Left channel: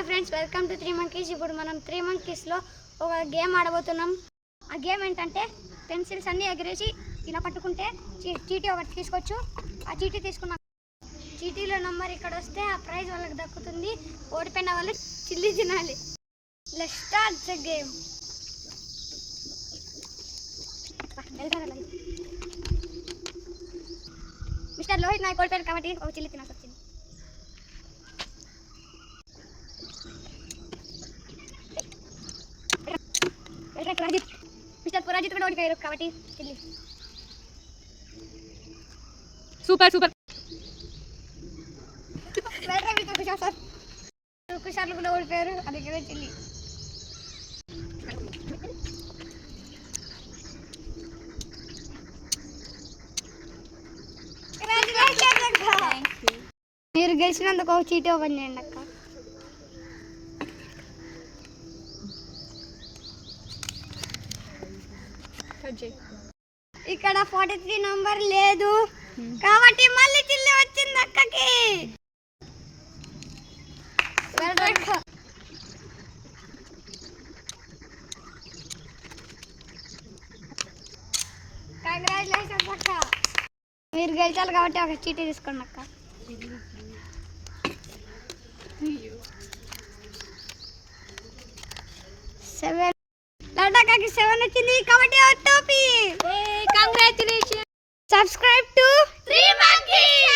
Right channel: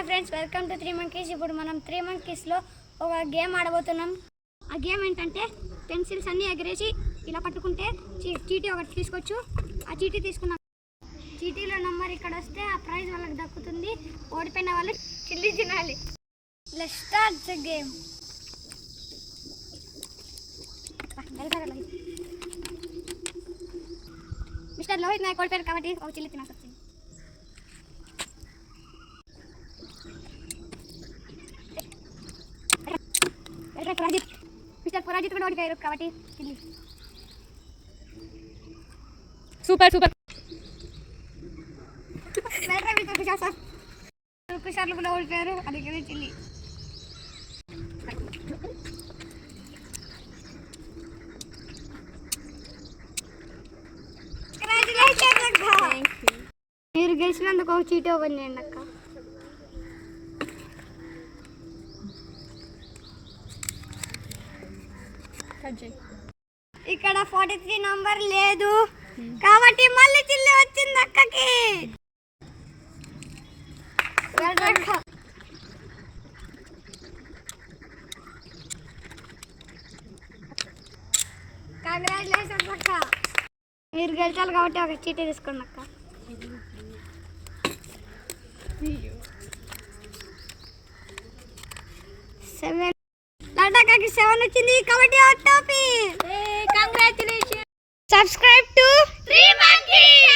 Hi friends, welcome to 3 Monkeys. ఇప్పుడు మనం 3 Monkeysలో ఒక గేమ్ ఆడబోతున్నాం. ఆ గేమ్ ఏంటంటే పెన్సిల్స్ అన్నీ ఎగరేసి ఇలా పట్టుకుంటే చీటీ ఒకటి తీసుకోవచ్చు. ఆ చీటీ తీసుకున్న చీటీలో నంబర్ ఇక్కడ వస్తే ఆ ప్రైజ్ వాళ్ళకి దక్కుతుంది. ఓడిపోయిన వాళ్ళు చిల్లి తినాలి. Let's start the game. Mister Lohit Nayak ఓడిపోయారు కాబట్టి ఒక చిల్లి తినాల్సి వచ్చింది. మిస్టర్ పురాజిత్ కూడా ఓడిపోయారు కాబట్టి చిల్లి. Super super. కుషార్లు కూడా ఓడిపోయారు, అది కూడా చిల్లి. మీరు గెలిచినందుకు ఒక చీటీ ఓపెన్ చేయండి అక్క. ఇక్కడ 43 నంబర్ లేదు కాబట్టి మళ్ళీ చిల్లి వచ్చింది అక్కకి. కంగ్రాచులేషన్స్ అక్క, మీరు గెలిచాలి కాబట్టి ఒక చీటీ తీసుకోండి అక్క. 7 లడ్డాకి 7 వచ్చింది కాబట్టి ఆ టోపీ. కంగ్రాచులేషన్. Subscribe to 3 Monkeys.